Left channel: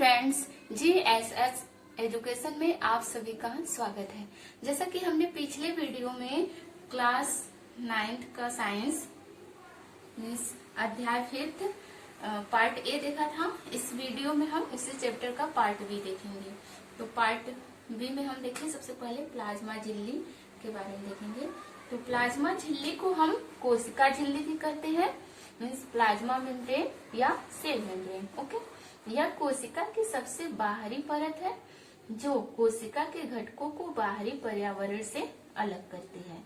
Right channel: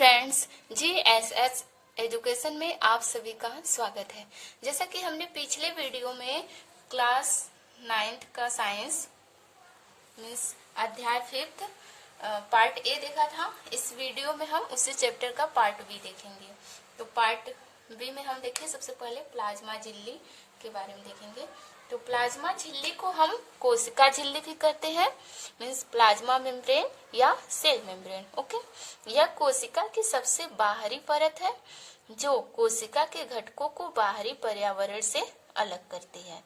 Friends, GSS education में आप सभी का स्वागत है। जैसा कि हमने पिछले वीडियो में क्लास 9th का साइंस मीन्स अध्याय 5th पार्ट ए देखा था, इस वीडियो में हम उसी चैप्टर का पार्ट बी देखेंगे। तो पार्ट बी में हम देखें सबसे पहले प्लाज्मा झिल्ली के बारे में देखेंगे। तो प्लाज्मा झिल्ली को हम कोशिका झिल्ली भी कहते हैं, मीन्स प्लाज्मा मेम्ब्रेन या सेल मेम्ब्रेन। ओके, यह कोशिका की सबसे बाहरी परत है जो कोशिका के घटकों को बाहरी पर्यावरण से अलग करती है।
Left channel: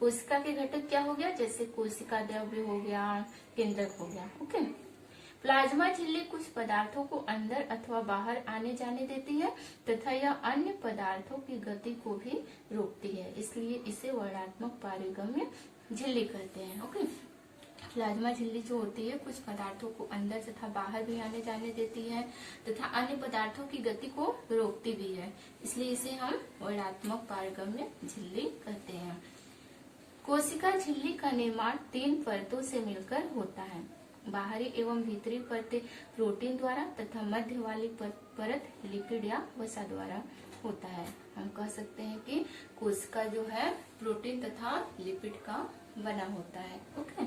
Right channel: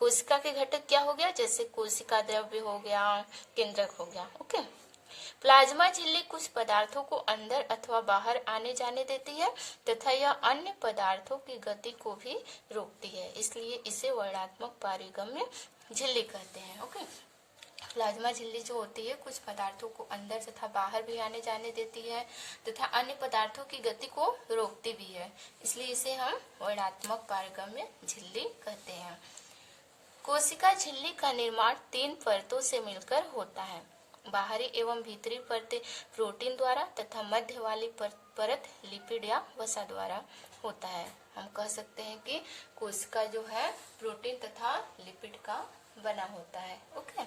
कोशिका के घटक क्या हो गया, जैसे कोशिका द्रव्य हो गया, केंद्रक हो गया। ओके, प्लाज्मा झिल्ली कुछ पदार्थों को अंदर अथवा बाहर आने जाने देती है तथा यह अन्य पदार्थों की गति को भी रोकती है, इसलिए इसे वर्णात्मक पारगम्य झिल्ली कहते हैं। ओके, प्लाज्मा झिल्ली जो होती है कुछ पदार्थों को अंदर तथा बाहर भी आने जाने देती है तथा अन्य पदार्थों की गति को रोकती भी है, इसलिए इसे हम वर्णात्मक पारगम्य झिल्ली कहते हैं। कोशिका झिल्ली का निर्माण 3 परतों से मिलकर होता है। बाहरी एवं भीतरी परतें प्रोटीन द्वारा तथा मध्य वाली परत लिपिड या वसा द्वारा होता है। हम कह सकते हैं कि कोशिका जो है प्रोटीन तथा लिपिड का बना होता है। ओके,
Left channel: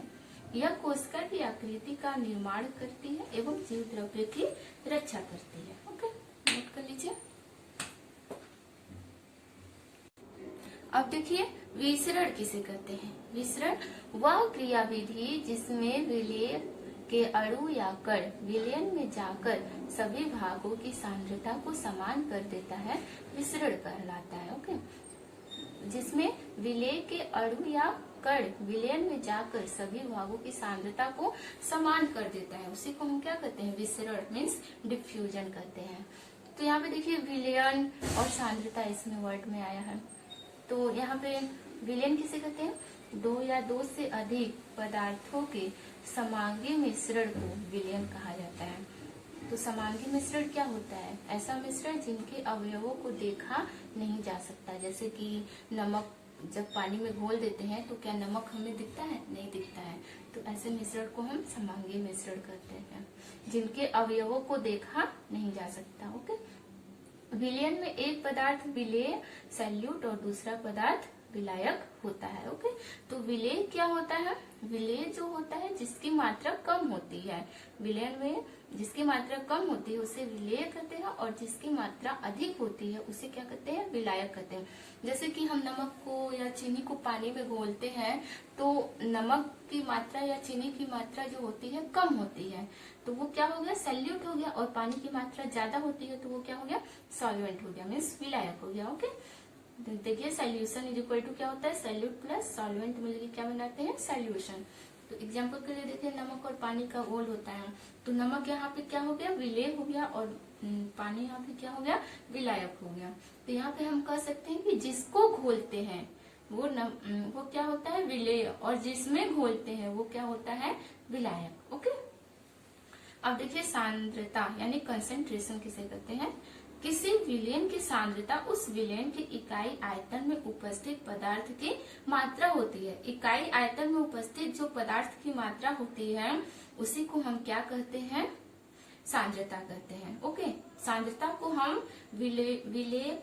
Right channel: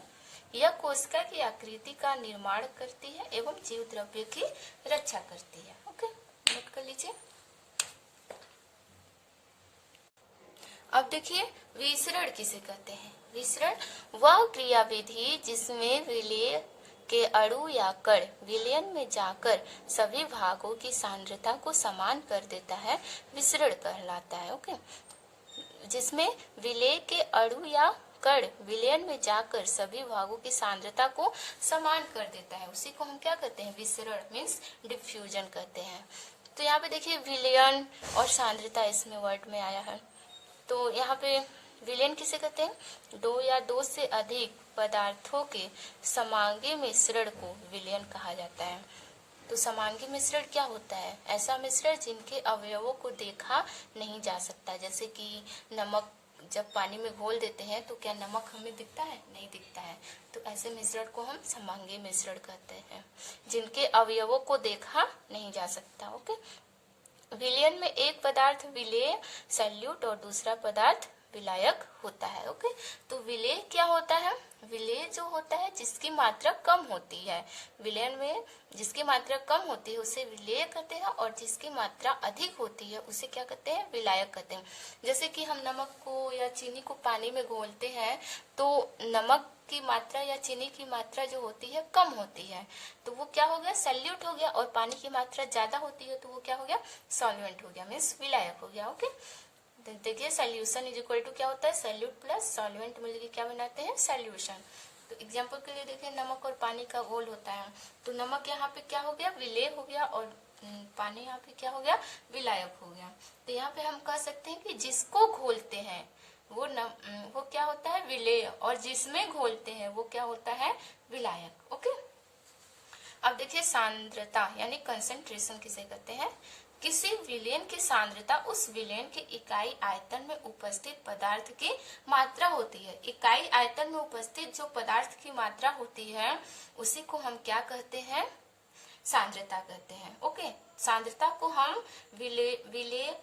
यह कोशिका की आकृति का निर्माण करती है एवं जीव द्रव्य की रक्षा करती है। ओके, नोट कर लीजिए। अब देखिए विसरण किसे कहते हैं। विसरण वह क्रियाविधि जिसमें विलेय के अणु या कण विलयन में जाकर सभी भागों की सांद्रता को समान कर देता है, विसरण कहलाता है। ओके, जिसमें विलेय के अणु या कण विलयन में जाकर सभी भागों की सांद्रता को समान कर देता है, उसी को हम क्या कहते हैं, विसरण मीन्स डिफ्यूजन कहते हैं। तो यहाँ पे देखिए विलयन और सांद्रता इसमें वर्ड में आया है। तो यहाँ पे विलयन किसे कहते हैं, 2 या 2 से अधिक पदार्थों के समांगी मिश्रण को विलयन कहा जाता है। तो समांगी मिश्रण क्या होता है, ऐसा मिश्रण जिनके अवयवों को देखा नहीं जा सकता। जैसे कि नमक जब पानी में घोल देते हैं तो क्या नमक हमें दिखता है, नहीं दिखता है। तो ऐसे मिश्रण को हम समांगी मिश्रण कहते हैं, जिनके अवयवों को देखा नहीं जा सकता। ओके, विलयन में एक पदार्थ विलेय सैल्यूट और दूसरा पदार्थ विलायक होता है। ओके, तो विलेय क्या होता है, विलेय जो होता है जिसकी मात्रा कम होती है, विलयन में जिसकी मात्रा कम होती है उसे विलेय कहते हैं और जिसकी मात्रा अधिक होती है उसे क्या कहते हैं, विलायक कहते हैं। जैसे कि हम नमक को या चीनी को पानी में घोलते हैं तो नमक की मात्रा या चीनी की मात्रा जो होती है कम होती है, तो वो क्या हो गया, सैल्यूट हो गया, और पानी की मात्रा ज्यादा होती है तो वो क्या हो गया, सॉल्वेंट हो गया, मीन्स विलायक हो गया। ओके, देखिए सॉल्यूशन इज इक्वल टू क्या होता है, सैल्यूट प्लस सॉल्वेंट मिलकर क्या बनाते हैं, सॉल्यूशन। तो एग्जांपल के लिए देखिए नमक और पानी का घोल होता है, तो नमक यहाँ पे क्या हो गया, विलेय हो गया, और पानी यहाँ पे क्या हो गया, विलायक हो गया। तो यहाँ पे हम कह सकते हैं कि जिसको घोलते हैं वो क्या होता है, विलेय, और जिसमें घोलते हैं वो क्या होता है, विलायक। ओके, अब देखिए सांद्रता यानी कंसंट्रेशन किसे कहते हैं, किसी विलयन की सांद्रता उस विलयन की इकाई आयतन में उपस्थित पदार्थ की मात्रा होती है। इकाई आयतन में उपस्थित जो पदार्थ की मात्रा होती है उसी को हम क्या कहते हैं, सांद्रता कहते हैं। ओके, सांद्रता को हम विलेय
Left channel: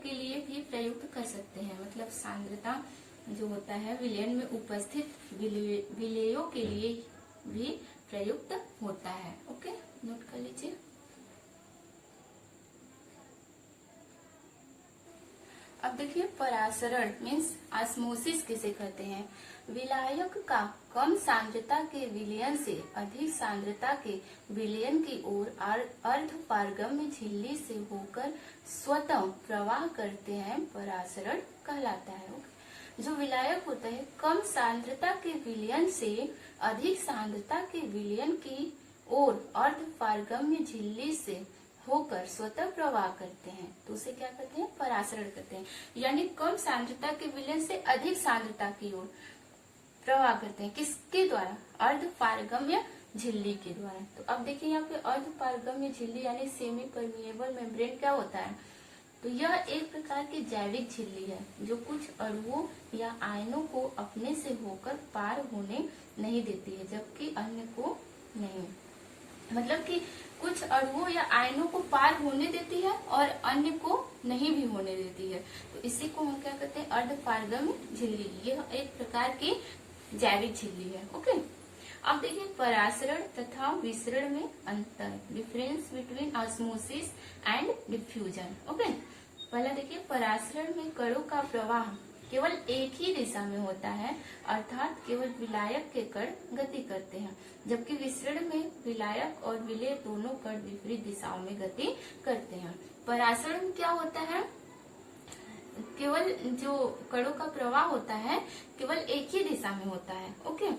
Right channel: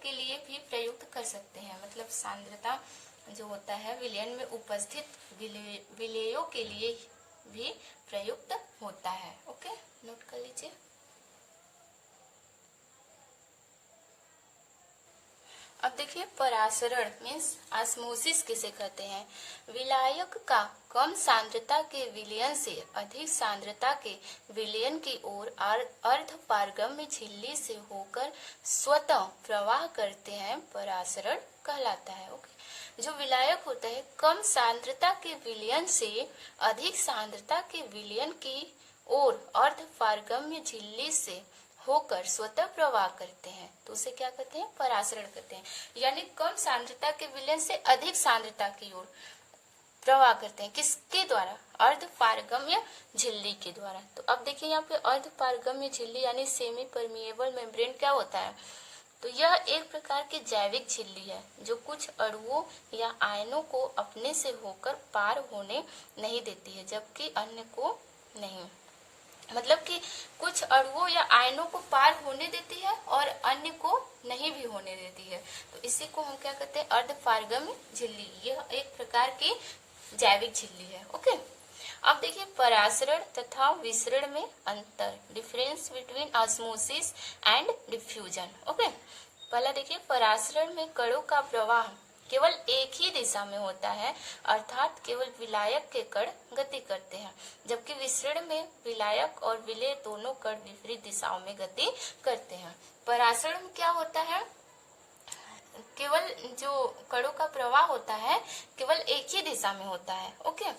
के लिए भी प्रयुक्त कर सकते हैं, मतलब सांद्रता जो होता है विलयन में उपस्थित विलेयों के लिए भी प्रयुक्त होता है। ओके, नोट कर लीजिए। अब देखिए परासरण मीन्स ऑस्मोसिस किसे कहते हैं, विलायक का कम सांद्रता के विलयन से अधिक सांद्रता के विलयन की ओर अर्ध पारगम्य झिल्ली से होकर स्वतः प्रवाह करते हैं, परासरण कहलाता है। जो विलायक होता है कम सांद्रता के विलयन से अधिक सांद्रता के विलयन की ओर अर्ध पारगम्य झिल्ली से होकर स्वतः प्रवाह करते हैं, तो उसे क्या कहते हैं, परासरण कहते हैं। यानी कम सांद्रता के विलयन से अधिक सांद्रता की ओर प्रवाह करते हैं, किसके द्वारा, अर्ध पारगम्य झिल्ली के द्वारा। तो अब देखिए यहाँ पे अर्ध पारगम्य झिल्ली यानी सेमी परमिएबल मेम्ब्रेन क्या होता है, तो यह एक प्रकार की जैविक झिल्ली है जो कुछ अणुओं या आयनों को अपने से होकर पार होने नहीं देती है जबकि अन्य को नहीं। मतलब कि कुछ अणुओं या आयनों को पार होने देती है और अन्य को नहीं भी होने देती है। तो इसी को हम क्या कहते हैं, अर्धपारगम्य झिल्ली। यह एक प्रकार की जैविक झिल्ली है। ओके, अब देखिए परासरण तथा विसरण में अंतर, difference between osmosis and diffusion. Okay, पहला देखिए परासरण में कणों का प्रवाह केवल एक ही दिशा में होता है, अर्थात केवल विलायक के कण गति करते हैं, जबकि विसरण में विलायक और विलेय दोनों कण विपरीत दिशाओं में गति करते हैं। परासरण में क्या होता है, केवल जो कणों का प्रवाह होता है केवल एक ही दिशा में होता है। ओके,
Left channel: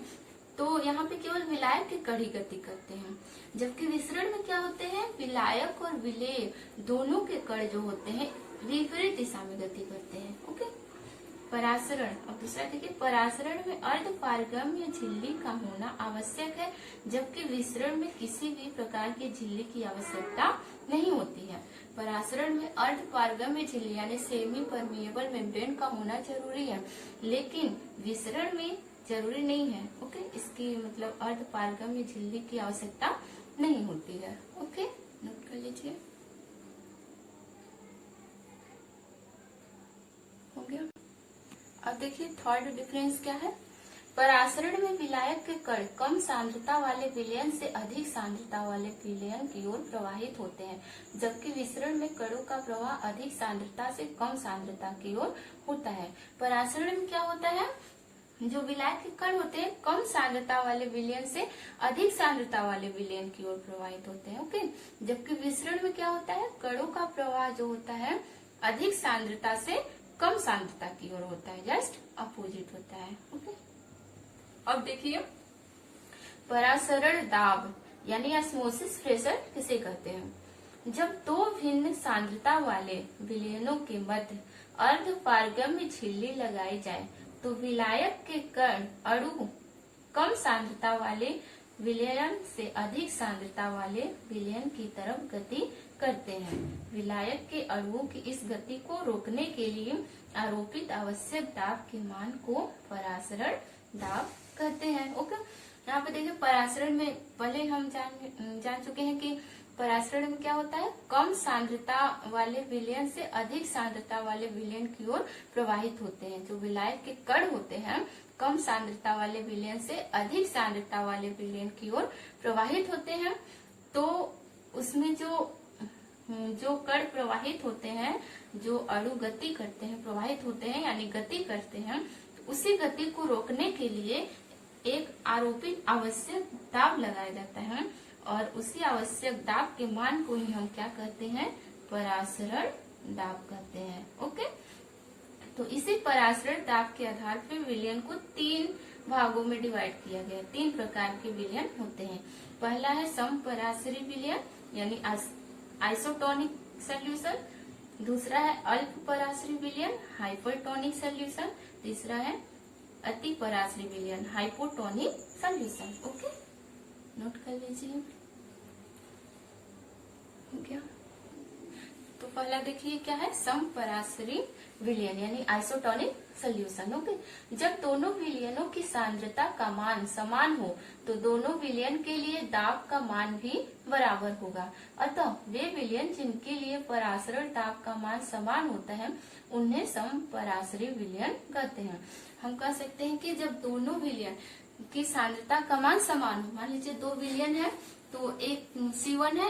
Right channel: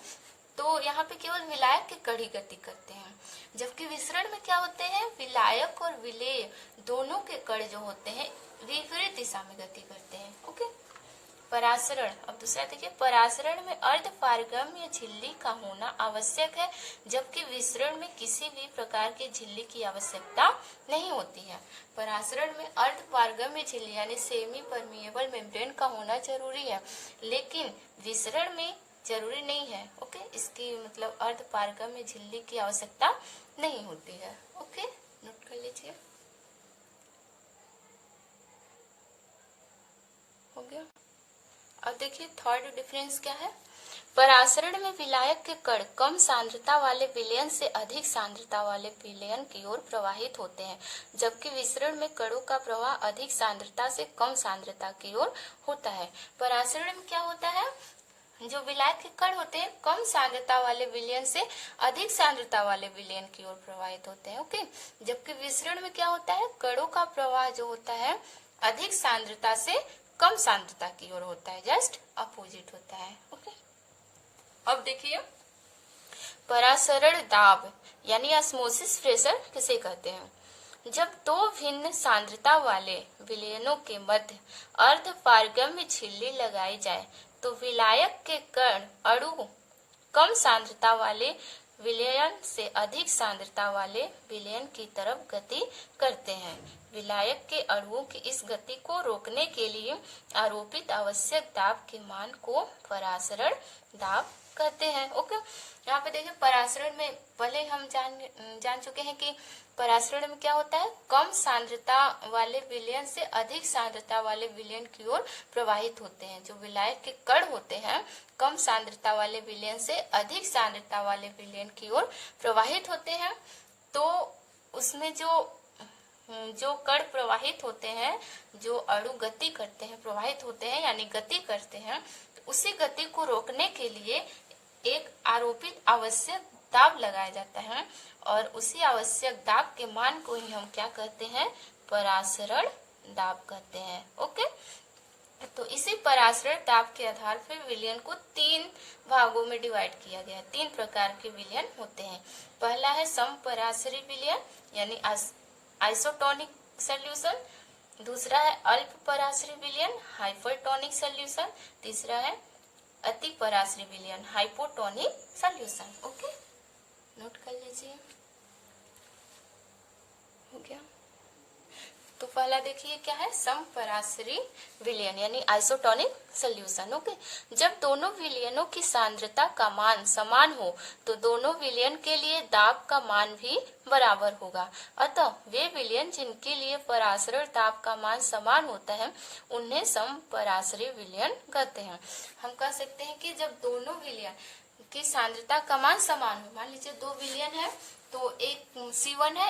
तो यहाँ पे केवल विलायक के कण ही गति करते हैं, जबकि विसरण में क्या होते हैं, विलायक और विलेय दोनों के कण जो होते हैं विपरीत दिशा में गति करते हैं। ओके, परासरण। अब दूसरा देखिए, परासरण में अर्धपारगम्य झिल्ली का होना आवश्यक है, जबकि विसरण में किसी भी प्रकार की झिल्ली की आवश्यकता नहीं होती है। परासरण में अर्धपारगम्य झिल्ली यानी सेमी परमिएबल मेम्ब्रेन का होना जरूरी है, लेकिन विसरण में जरूरी नहीं है। ओके, इसकी मतलब अर्धपारगम्य झिल्ली की आवश्यकता नहीं होती है। ओके, नोट कर लीजिए। हो गया। अब देखिए थर्ड डिफरेंस क्या है, परासरण में विलायक के कण कम सांद्रता वाले विलयन से अधिक सांद्रता वाले विलयन की ओर प्रवाहित होते हैं, जबकि विसरण में कणों का प्रवाह अधिक सांद्रता से कम सांद्रता की ओर होता है। परासरण में क्या होता है, जो विलायक के कण होते हैं कम सांद्रता वाले विलयन से अधिक सांद्रता वाले विलयन की ओर प्रवाहित होते हैं। ओके, जबकि विसरण में क्या होता है, कणों का प्रवाह जो होता है अधिक सांद्रता से कम सांद्रता की ओर होता है, जस्ट अपोजिट होता है। ओके, अब देखिए परासरण दाब यानी ऑस्मोसिस प्रेशर किसे कहते हैं, जब दो भिन्न सांद्रता वाले विलयनों के मध्य अर्धपारगम्य झिल्ली लगाई जाए तो विलायक के कण अणु कम सांद्रता वाले विलयन से अधिक सांद्रता वाले विलयन की तरफ गति करते हैं। विलायक के अणुओं की इस गति को रोकने के लिए आरोपित आवश्यक दाब के मान को परासरण दाब कहते हैं। ओके, यहाँ पे देखिए परासरण में पहले हम जान चुके हैं कि परासरण में क्या होता है, कम सांद्रता वाले विलयन से अधिक सांद्रता वाले विलयन की ओर प्रवाहित होते हैं। जो विलायक के कण होते हैं कम सांद्रता वाले विलयन से अधिक सांद्रता वाले विलयन की ओर प्रवाहित होते हैं, तो उसमें जो कण प्रवाहित होते हैं, जो अणु गति करते हैं, प्रवाहित होते हैं यानी गति करते हैं, तो उसी गति को रोकने के लिए एक आरोपित आवश्यक दाब लगाया जाता है, और उसी आवश्यक दाब के मान को ही हम क्या कहते हैं, परासरण दाब कहते हैं। ओके, तो इसी परासरण दाब के आधार पर विलयन को 3 भागों में डिवाइड किया गया है। 3 प्रकार के विलयन होते हैं। पहला है समपरासरी विलयन यानी आइसोटोनिक सॉल्यूशन, दूसरा है अल्प परासरी विलयन हाइपरटोनिक सॉल्यूशन, तीसरा है अति परासरी विलयन हाइपोटोनिक सॉल्यूशन। ओके, नोट कर लीजिए। हो गया। तो पहला देखिए क्या है, समपरासरी विलयन यानी आइसोटोनिक सॉल्यूशन। ओके, जब दोनों विलयनों की सांद्रता का मान समान हो तो दोनों विलयन के लिए दाब का मान भी बराबर होगा। अतः वे विलयन जिनके लिए परासरण दाब का मान समान होता है उन्हें समपरासरी विलयन कहते हैं। हम कह सकते हैं कि जब दोनों विलयन की सांद्रता का मान समान हो, मान लीजिए 2 विलयन है तो एक C1 है,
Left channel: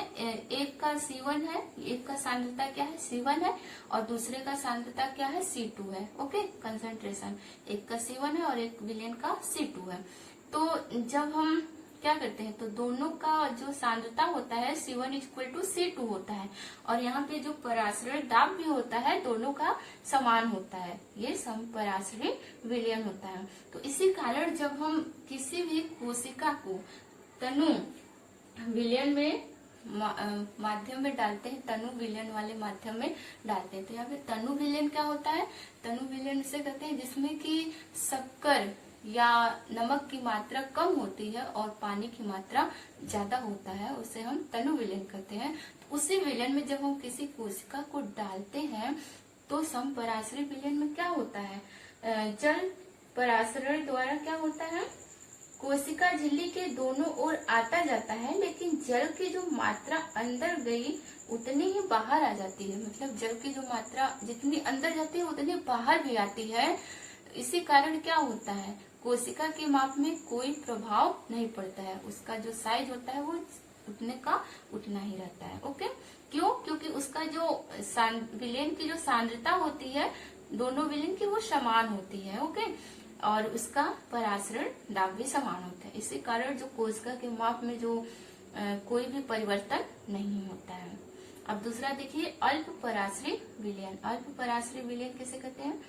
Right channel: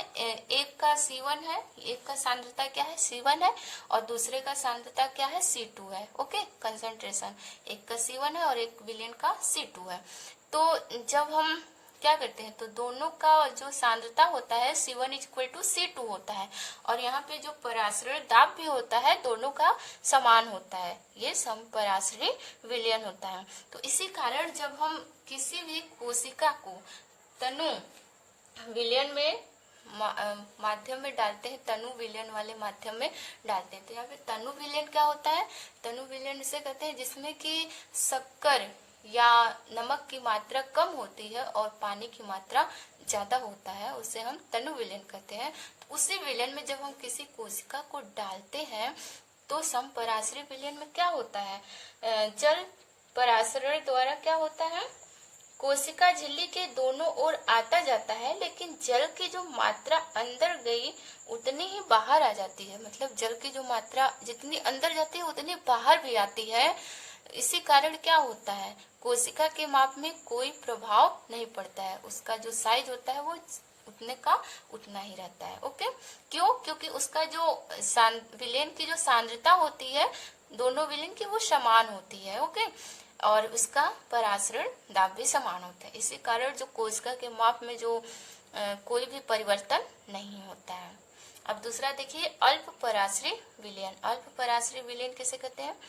एक का C1 है, एक का सांद्रता क्या है C1 है और दूसरे का सांद्रता क्या है C2 है। ओके, कंसंट्रेशन एक का C1 है और एक विलयन का C2 है। तो जब हम क्या करते हैं तो दोनों का जो सांद्रता होता है C1 = C2 होता है, और यहाँ पे जो परासरण दाब भी होता है दोनों का समान होता है, ये समपरासरी विलयन होता है। तो इसी कारण जब हम किसी भी कोशिका को तनु विलयन में माध्यम में डालते हैं, तनु विलयन वाले माध्यम में डालते हैं, तो यहाँ पे तनु विलयन क्या होता है, तनु विलयन से कहते हैं जिसमें कि शक्कर या नमक की मात्रा कम होती है और पानी की मात्रा ज्यादा होता है, उसे हम तनु विलयन कहते हैं। तो उसी विलयन में जब हम किसी कोशिका को डालते हैं तो समपरासरी विलयन में क्या होता है, जल परासरण द्वारा क्या होता है, कोशिका झिल्ली के दोनों ओर आता जाता है, लेकिन जल की जो मात्रा अंदर गई उतनी ही बाहर आ जाती है। मतलब जल की जो मात्रा जितनी अंदर जाती है उतनी बाहर भी आती है। इसी कारण क्या होता है, कोशिका के माप में कोई प्रभाव नहीं पड़ता है। उसका जो साइज होता है वो उतने का उतना ही रहता है। ओके, क्यों? क्योंकि उसका जो विलेन की जो सांद्रता होती है दोनों विलेन की वो समान होती है। ओके, और उसका परासरण दाब भी समान होता है। इसी कारण जो कोशिका के माप में जो कोई भी परिवर्तन नहीं होता है। अब दूसरा देखिए, अल्प पराश्रयी विलयन। अल्प पराश्रयी विलयन किसे कहते हैं?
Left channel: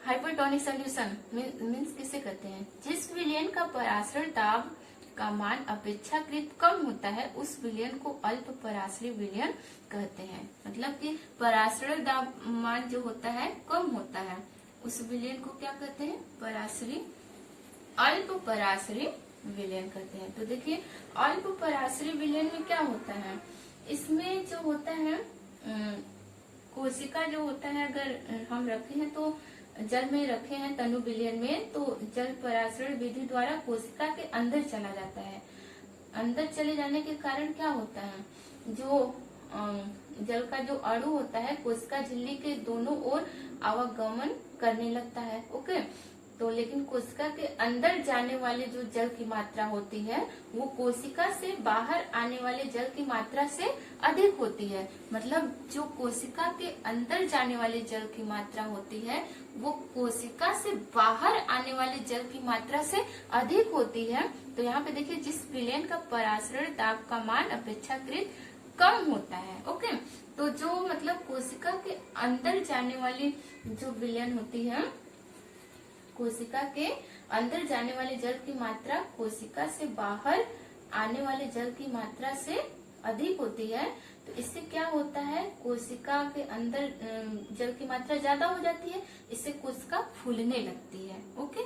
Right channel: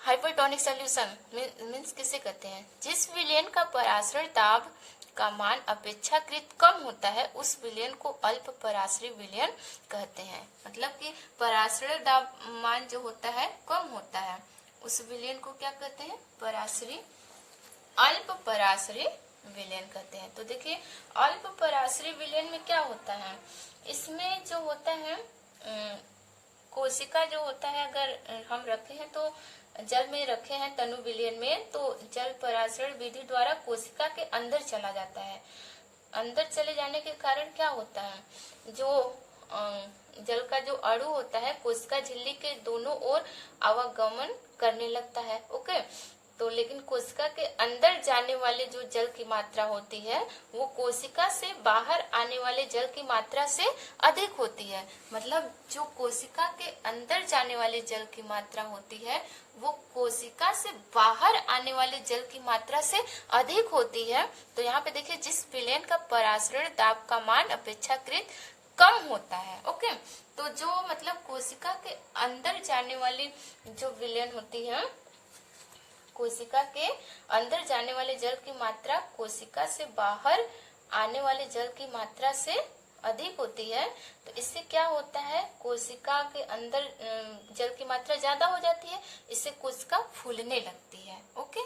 हाइपरटोनिक सॉल्यूशन मीन्स किसे कहते हैं? जिस विलयन का परासरण दाब का मान अपेक्षाकृत कम होता है उस विलयन को अल्प पराश्रयी विलयन कहते हैं। मतलब कि परासरण दाब मान जो होता है कम होता है उस विलयन को क्या कहते हैं? पराश्रयी, अल्प पराश्रयी विलयन कहते हैं। तो देखिए, अल्प पराश्रयी विलयन में क्या होता है, इसमें जो होता है कोशिका जो होता है, अगर हम रखे हैं तो जल में रखे हैं तनु विलयन में, तो जल परासरण विधि द्वारा कोशिका के अंदर चला जाता है। अंदर चले जाने के कारण क्या होता है, जो जल का जो अणु होता है कोशिका झिल्ली के दोनों ओर आवागमन करने लगता है। ओके, तो लेकिन कोशिका के अंदर जाने वाले जो जल की मात्रा होती है वो कोशिका से बाहर आने वाले जल की मात्रा से अधिक होती है। मतलब जो कोशिका के अंदर जाने वाले जल की मात्रा होती है वो कोशिका से बाहर आने वाले जल की मात्रा से अधिक होती है। तो यहाँ पे देखिए, जिस विलयन का परासरण दाब का मान अपेक्षाकृत कम होता है। ओके, तो जो मतलब कोशिका के अंदर जाने वाली जो विलयन होती है, कोशिका के अंदर जाने वाले जल की मात्रा कोशिका से बाहर आने वाले जल की मात्रा से अधिक होती है। तो इससे क्या होता है, कोशिका के अंदर जल की मात्रा ज्यादा हो जाती है, इससे कोशिका फूलने लगती है। ओके,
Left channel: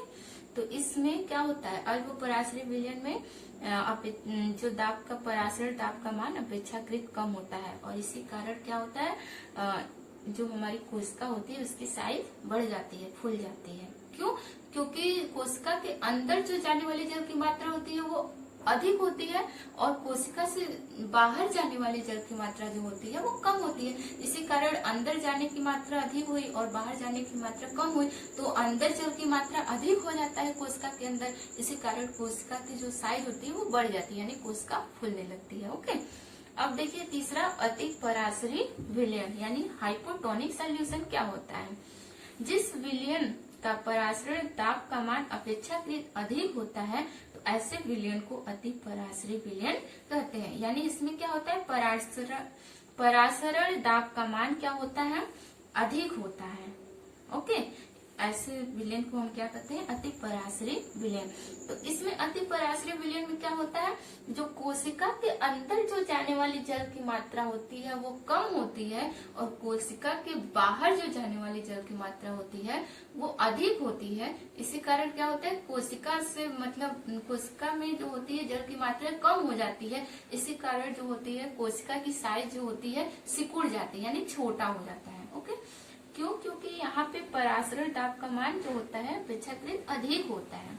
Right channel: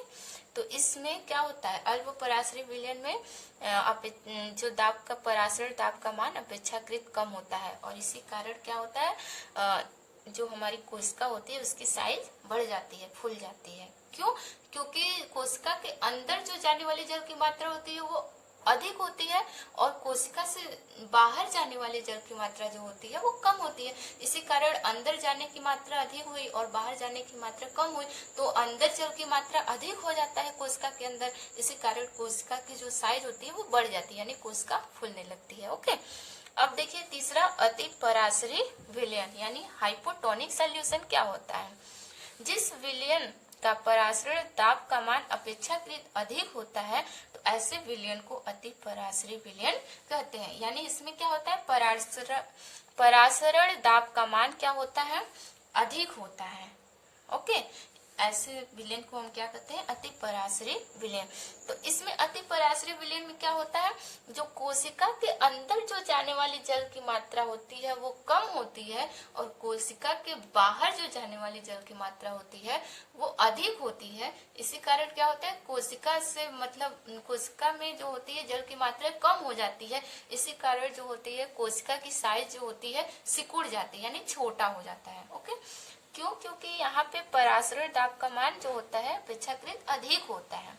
तो इसमें क्या होता है, अल्प पराश्रयी विलयन में जो दाब का परासरण दाब का मान अपेक्षाकृत कम होता है, और इसी कारण क्या होता है, जो हमारी कोशिका होती है उसकी साइज बढ़ जाती है, फूल जाती है। क्यों? क्योंकि कोशिका के अंदर जो जाने वाले जल की मात्रा होती है वो अधिक होती है और कोशिका से बाहर जाने वाले जल की मात्रा जो होती है वो कम होती है। इसी कारण अंदर जाने की मात्रा अधिक हुई और बाहर जाने की मात्रा कम हुई, तो अंदर जल की मात्रा अधिक हो जाता है कोशिका के अंदर। इसी कारण कोशिका की जो साइज होती है वो बढ़ जाती है, यानी कोशिका फूलने लगती है। ओके, अब देखिए तीसरा, अति पराश्रयी विलयन यानी हाइपोटोनिक सॉल्यूशन क्या होता है? जिस विलयन का परासरण दाब का मान अपेक्षाकृत अधिक होता है तो ऐसे विलयन को अति पराश्रयी विलयन कहते हैं। यानी इसमें क्या होता है, परासरण दाब का मान क्या होता है, अधिक होता है। ओके, ऐसे विलयन को हम क्या कहते हैं, अति पराश्रयी विलयन। तो इसमें अति पराश्रयी विलयन में क्या होता है, जो कोशिका के अंदर जो जाने वाली जल की मात्रा होती है वो कम होती है और कोशिका के बाहर जो जाने वाली जल की मात्रा होती है वो अधिक होती है। इसी कारण क्या होता है, कोशिका से मतलब कोशिका में जो होती है जल की मात्रा कम हो जाती है। इसी कारण जो होती है कोशिका की साइज जो होती है सिकुड़ जाती है, यानी छोटा हो जाता है। ओके, क्यों? क्योंकि यहाँ पे परासरण दाब का मान जो होता है अपेक्षाकृत अधिक होता है।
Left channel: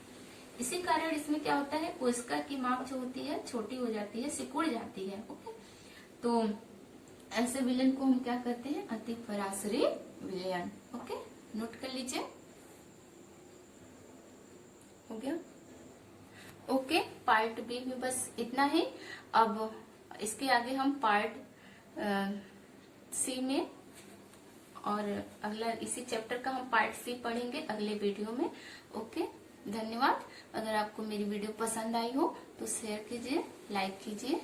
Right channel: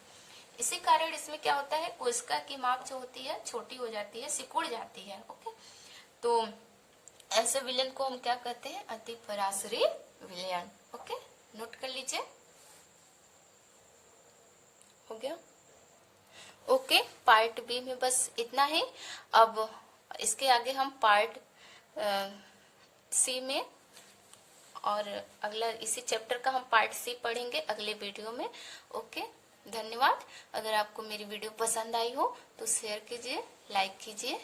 इसी कारण इसमें क्या होता है, कोशिका की माप जो होती है छोटी हो जाती है, सिकुड़ जाती है। ओके, तो ऐसे विलयन को हम क्या कहते हैं, अति पराश्रयी विलयन। ओके, नोट कर लीजिए, हो गया। ओके, पार्ट बी में बस इतना ही। अब इसके आगे हम पार्ट सी में और अगला इसी चैप्टर का हम पार्ट सी पढ़ेंगे अगले वीडियो में। ओके, धन्यवाद। अगर आपको मेरी वीडियो पसंद आई हो तो शेयर कीजिए, लाइक कीजिए।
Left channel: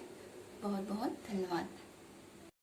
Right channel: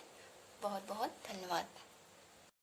बहुत बहुत धन्यवाद।